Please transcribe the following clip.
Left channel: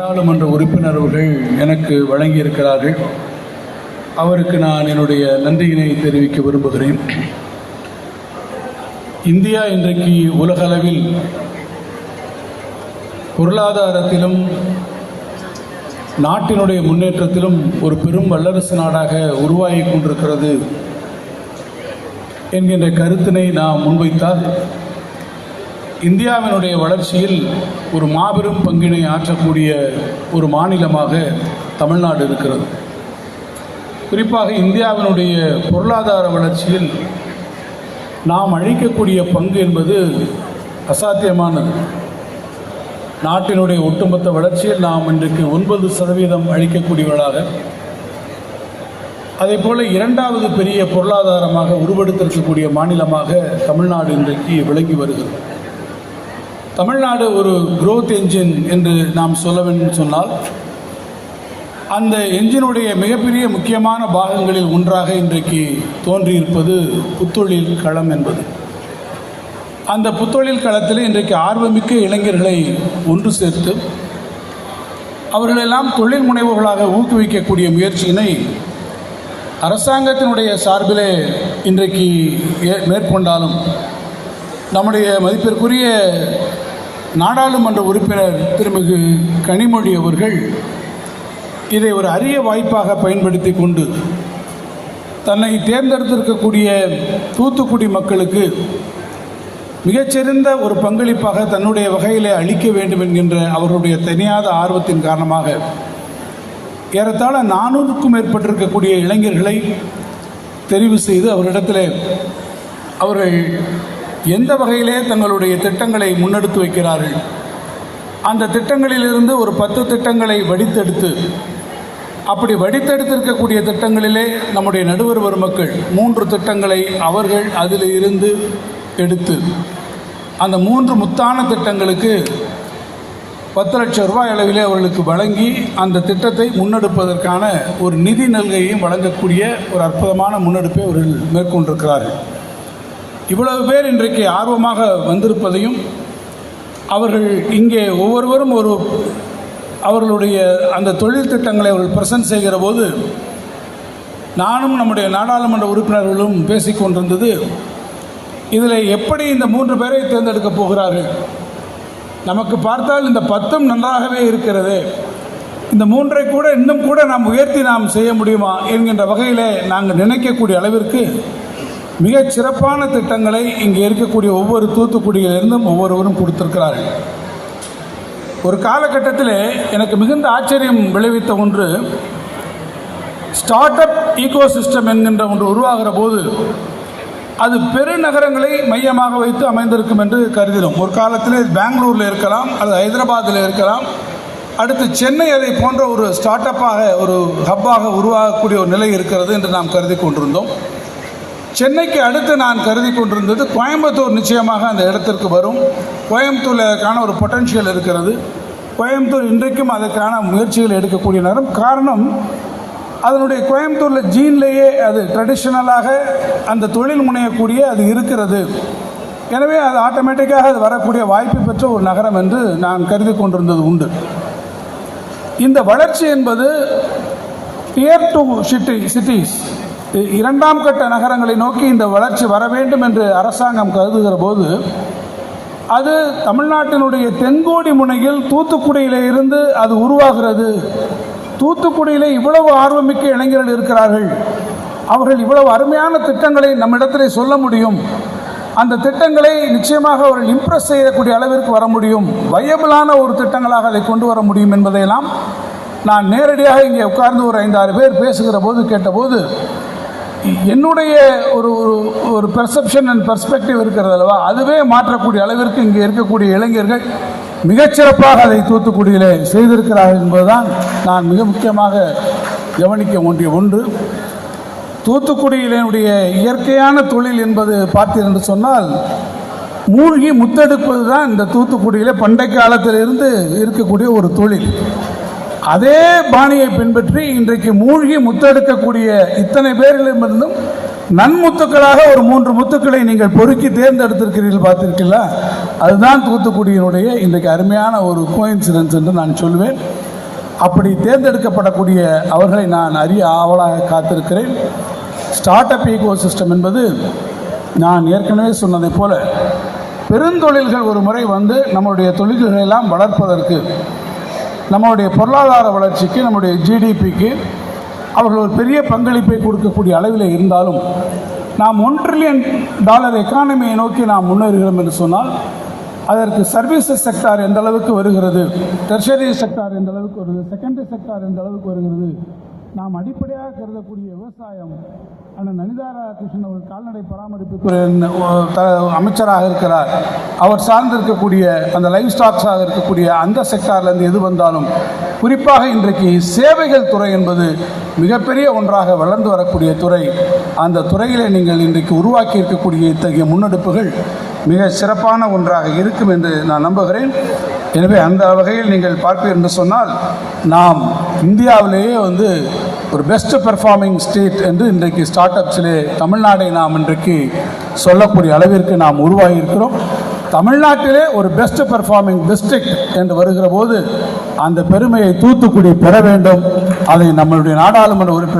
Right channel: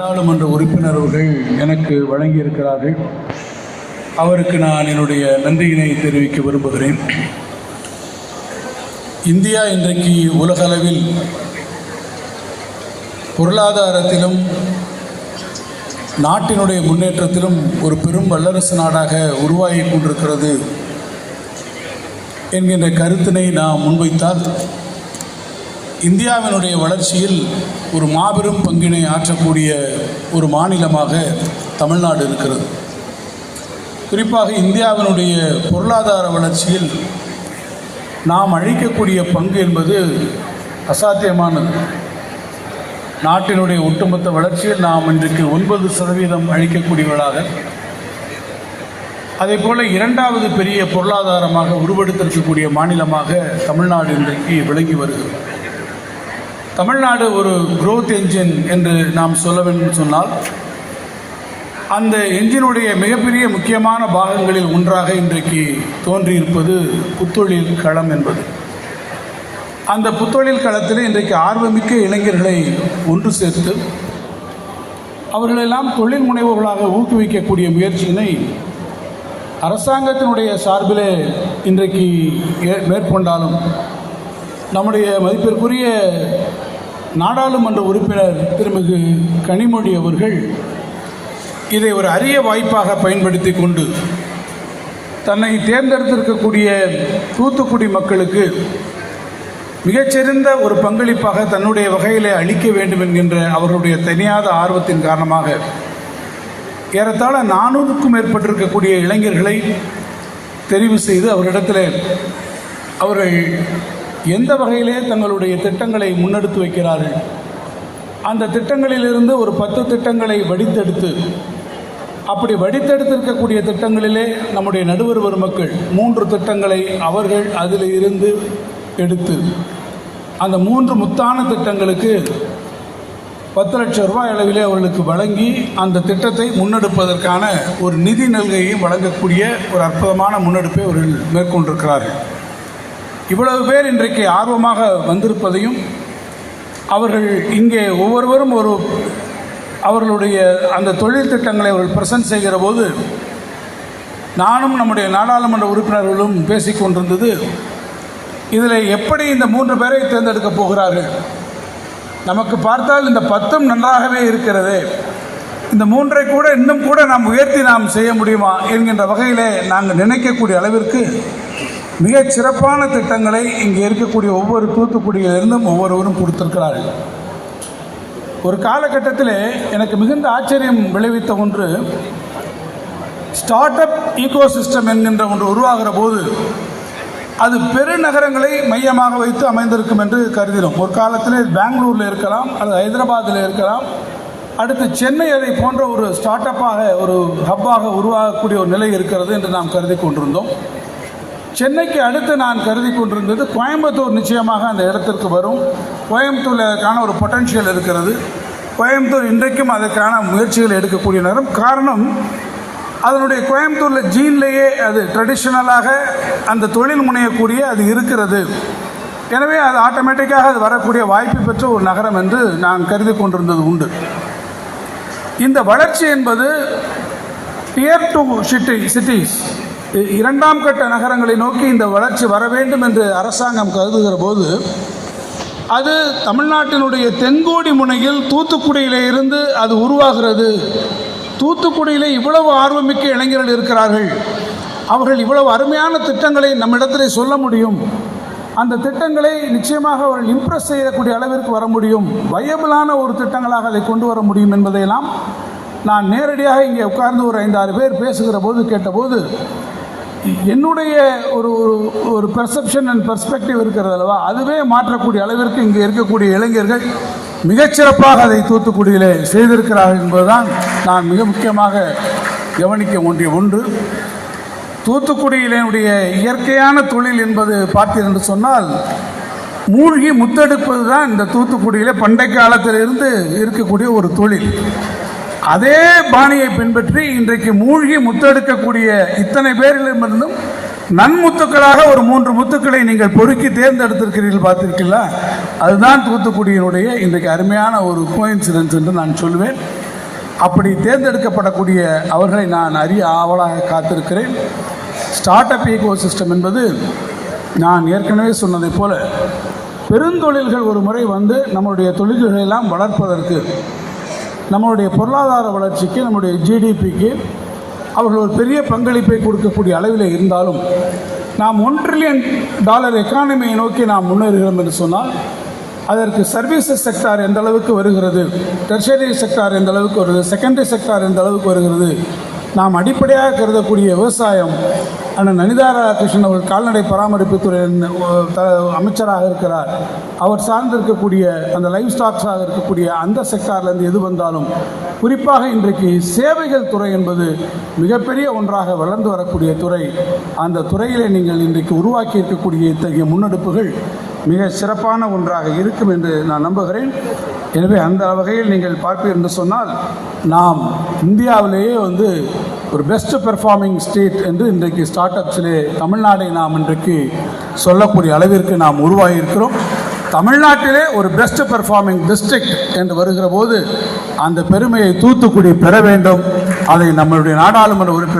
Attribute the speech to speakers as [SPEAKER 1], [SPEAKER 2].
[SPEAKER 1] நாடாளுமன்ற உறுப்பினர்கள் எனக்கு வழங்கியிருக்கிறார்கள். அவருக்கு நான் என்னுடைய நன்றியினை தெரிவிக்க விரும்புகிறேன். இந்தியா இன்றைக்கு உலகளவில் பொருளாதாரத்திலும் நாட்டினுடைய முன்னேற்றத்திலும் ஒரு பெரும் வல்லரசு நாடாக உருவாகி கொண்டிருக்கிறது என்கின்ற கருத்தினை நாம் முன்வைத்தால் இந்தியாவினுடைய வளர்ச்சியில் ஒரு மாபெரும் பங்கினை ஆற்றக்கூடிய ஒரு மாநிலமாக தமிழ்நாடு இருக்கிறது. குறிப்பாக இந்தியாவினுடைய பொருளாதார வளர்ச்சியில் நாம் அழிக்கக்கூடிய பங்கு என்பது அசாத்தியமானது. நாட்டினுடைய ஒட்டுமொத்த வளர்ச்சியில் நாம் இன்றைக்கு ஒன்பது சதவீதம் அழிக்கக்கூடியவர்களாக அதே போல் இரண்டாவது பெரிய பொருளாதாரமாக உருவெடுத்திருக்கக்கூடிய மாநிலமாக தமிழ்நாடு இன்றைக்கு விளங்கி வருகிறது. தமிழ்நாடு ஒரு குரோத் என்ஜின் என்று நாம் சொல்ல வேண்டும் சொன்னால் அந்த என்ஜினுடைய மிகப்பெரிய முக்கியமான பாகங்களில் ஒன்றாக இன்றைக்கு தோன்றியிருப்பது புத்தொழில் களம் என்பது. அந்த புத்தொழில் களத்தில் இன்றைக்கு ஆர்வமிக்க இளைஞர்களை ஒன்று சேர்த்து அவர்களெல்லாம் தொழில் முனைவுகளாக ஊக்குவிக்கக்கூடிய முயற்சியினை அரசாங்கத்தினுடைய சார்பிலே இன்றைக்கு மேற்கொண்டாலும் நம்முடைய மதிப்பிற்குரிய நாடாளுமன்ற உறுப்பினர் திருமிகு கனிமொழி அவர்கள் இதை ஒரு அரிய வாய்ப்பாக பயன்படுத்தி கொண்டு தன்னை தேர்ந்தெடுத்திருக்கக்கூடிய தூத்துக்குடி மக்களுக்கு மிகச்சிறந்த ஒரு பங்களிப்பாக தன்னுடைய வகையிலே அளிக்க வேண்டும் என்கின்ற அவர்களுடைய தனியாத ஆர்வத்தின் காரணமாக ஏறத்தாழ நானூறுக்கும் மேற்பட்டிருக்கக்கூடிய இளைஞர்களை தெரிவு செய்து அவரிடத்தில் அவர்கள் எந்த வகையிலே தங்களுடைய திட்டங்களை முன்னெடுத்து வைக்கிறார்கள்? அந்த திட்டங்களிலிருந்து ஒரு பத்து திட்டங்களை வடித்தெடுத்து அப்படி வடித்தெடுத்திருக்கக்கூடிய திட்டங்களிலே நம்முடைய நடுவர் பெருமக்கள் மூன்று திட்டங்களை அவர்கள் அதில் இருந்து எடுத்து அந்த மூன்று முத்தான திட்டங்களுக்கு பத்து லட்சம் ரூபாய் அளவிலே அவர்களுக்கு வழங்கி அந்த திட்டத்தை முன்னெடுப்பதற்கான ஒரு நிதி நல்கையும் வழங்கக்கூடிய ஒரு அற்புதமான முன்னெடுப்பை அவர்கள் மேற்கொண்டிருக்கிறார்கள். இவ்வளவு பேர் இன்றைக்கு ஆர்வமாக வந்திருப்பதையும் அவர்கள் இங்கே ஒவ்வொருவரும் ஒரு அவர்களுடைய அந்த தொழில் திட்டங்களை அவர்கள் பிரசன்ட் செய்கிற போது நானும் நம்முடைய நாடாளுமன்ற உறுப்பினர்களும் பேசிக்கொண்டிருந்தது இதில் எப்படி இந்த மூன்று பேரை தேர்ந்தெடுக்கப் போகிறார்கள்? நமக்கு பார்த்தால் இந்த பத்தும் நன்றாகவே இருக்கிறது. இந்த மூன்றை கூட இன்னும் கூட நாம் உயர்த்தி நாம் செய்ய முடியுமா? என்கின்ற வகையிலே நாங்கள் நினைக்கக்கூடிய அளவிற்கு மிக சிறப்பான திட்டங்களை இங்கே இருக்கக்கூடிய ஒவ்வொரு தூத்துக்குடியிலிருந்தும் ஒவ்வொருவரும் கொடுத்திருக்கிறார்கள். ஒரு காலகட்டத்தில் எனக்கு மிகுந்த ஆச்சரியம் விளைவித்த ஒன்று ஸ்டார்ட் அப் ஈகோசிஸ்டம் என்கின்ற ஒன்று உருவாகிற போது அது பெருநகரங்களை மையமாக வைத்து அமைந்திருக்கும் என்று கருதினோம். ஒரு காலத்திலே பெங்களூரில் இருக்கலாம் அல்லது ஹைதராபாத்தில் இருக்கலாம் அடுத்து சென்னை அதை போன்ற ஒரு ஸ்டார்ட் அப்பாக ஒரு ஹப்பாக உருவாகக்கூடிய ஒரு நிலை இருக்கிறது என்று நாம் கருதி கொண்டிருந்தோம். சென்னைக்கு அடுத்து நான் கருதி கொண்டிருந்தது கோயம்புத்தூர் நிச்சயமாக அந்த இடத்திற்கு வரும். கோயம்புத்தூரில் அதற்கான ஒரு பொட்டன்ஷியல் இருக்கிறது. கோயம்புத்தூர் இன்றைக்கும் அதற்கான முயற்சிகள் எடுக்கக்கூடிய நேரம். காரணம் அதனுடைய கோயம்புத்தூரில் ஜீன்லேயே அது ட்ரெடிஷ்னலாக அந்த தொழில் முனையக்கூடிய அது இருக்கிறது. எனவே அது ஆட்டோமேட்டிக்காக அது வரக்கூடிய வாய்ப்பு பெற்ற ஒரு நகரம் என்று நான் கருதி கொண்டிருந்தது உண்டு. இந்த வளர்ச்சி என்பது டியர் டு சிட்டி சிட்டிஸ் இரண்டாம் கட்ட நகரங்களை நோக்கி இந்த வளர்ச்சி வர வேண்டும் என்று அரசாங்கம் கருதுகிற போது அது தமிழ்நாட்டினுடைய தென்கோடி முனையில் தூத்துக்குடியிலே இருந்து அது உருவாகிறது. தூத்துக்குடியிலே இவ்வளவு ஆர்வமிக்க இளைஞர்கள் இருக்கிறார்கள். அவர்கள் இவ்வளவு அருமையான திட்டங்களை நம்மிடத்தில் சொல்ல முடியும். அந்த திட்டங்களை நிச்சயமாக அவர்கள் இம்ப்ரெஸ் செய்யக்கூடிய அளவிற்கு வர முடியும். வயபிளான ஒரு திட்டங்களாக அதை கொண்டு வர முடியும் என்பதையெல்லாம் நான் நேரடியாக இங்கே உட்கார்ந்து ஒரு ஐந்தாறு பேர் பேசுகிற போது கேட்டபோது என்னுடைய ஒரு ஒரு- ஒரு பெர்செப்ஷன் அண்ட் பெர்ஸ்பெக்டிவ் இருக்கிறது அல்லவா? அதுவே மாற்றக்கூடிய அளவிற்கு இங்கே இருக்கக்கூடிய இளைஞர்கள் மிகச்சிறப்பாக அதை தூத்துக்குடியிலே செய்திருக்கிறார்கள் என்பதுதான் நான் மிக முக்கியமாக கவனிக்க வேண்டிய ஒன்று. தூத்துக்குடியினுடைய இயற்கையான தொழில் என்பது பார்த்தீர் என்று சொன்னால் மூழ்கி முத்தெடுப்பது தான் இந்த தூத்துக்குடியிலே பண்டை காலத்திலிருந்து இருக்கக்கூடிய ஒரு தொழில். அதே பாணியை பின்பற்றி இன்றைக்கு மூழ்கி முத்தெடுக்கக்கூடிய இத்தனை பேரிடமிருந்தும் நன்முத்துக்களாக ஒரு மூன்று முத்துக்களை நீங்கள் பொறுக்கி தேர்ந்தெடுத்திருக்கிறீர்கள் பார்த்திருக்கீங்களா? அதுதான் தூத்துக்குடியினுடைய இன்றைக்கு அருமையான ஒரு கோயின்சிடன்ஸ் என்று நான் சொல்வேன். அப்படி தேர்ந்தெடுக்கப்படக்கூடிய அவர்களை நான் அறிய ஆவலாக காத்திருக்கிறேன். ஸ்டார்ட் அப் ஈகோ சிஸ்டம் என்பது நான் ஏற்கனவே சொன்னதைப் போல பெருந்தொழில்கள் ஒரு முறை வந்து நம்மளுடைய தொழில்களை எல்லாம் வளர்ப்பதற்கு நம்மளுடைய பொருளாதார வளர்ச்சிக்கு நம்முடைய ஜிடிபிக்கு அவர்கள் ஒரு பெரிய பங்களிப்பை கொடுக்கக்கூடிய அளவில் இருந்தாலும் நாம் ஒன் ட்ரில்லியன் டாலர் எக்கானமியை நோக்கி நாம் முன்னேறுகிறோம் என்று சொன்னால் அதற்கு சர்வீசஸ் செக்டார் எந்த அளவுக்கு வருகிறது டெர்ஷரி செக்டார் எந்த அளவுக்கு வருகிறது செகண்டரி செக்டார் எந்த அளவுக்கு வருகிறது நாம் அடிப்படையாக கருதக்கூடிய விவசாயம் அண்ணன் நனிதா ராதாகிருஷ்ணன் அவர் கால்நடை பராமரிப்புத்துறையின் அஹ், த அமைச்சராக இருக்கிறார். அவர் சார்ந்திருக்கக்கூடிய அந்த லைஃப் ஸ்டாக்ஸாக இருக்கக்கூடிய அந்த செக்டார்லேருந்து எது வந்தாலும் குறிப்பாக இன்றைக்கு சேவைகள் துறை என்பது மிகப்பெரிய ஒன்றாக வளர்ந்து வரக்கூடிய துறை. அந்த துறையிலே நீங்கள் இன்றைக்கு உருவாக்கி இருக்கக்கூடிய இத்தகைய முன்னெடுப்புகள் மிக சிறப்பான ஒன்றாக இருக்கும் என்று நான் நம்புகிறேன். எனவே அந்த வகையில் நீங்கள் பார்ப்பீர்கள் என்று சொன்னால் நாம் இந்தியாவிலேயே வந்து ஒரு பெஸ்ட் பெர்ஃபார்மிங் ஸ்டேட் என்று இன்றைக்கு ஸ்டார்ட் அப்ஸிலே தமிழ்நாடை நாம் இன்றைக்கு சொல்லக்கூடிய அளவிற்கு நாம் உருவாகி இருக்கிறோம் தமிழ்நாட்டிலே ஒரு பெஸ்ட் பெர்ஃபார்மிங் டிஸ்ட்ரிக்ட் என்று வருகிற போது அந்த பெருமையை தூத்துக்குடி பெற வேண்டும். அதை நம்மளுடைய நாடாளுமன்ற உறுப்பினர்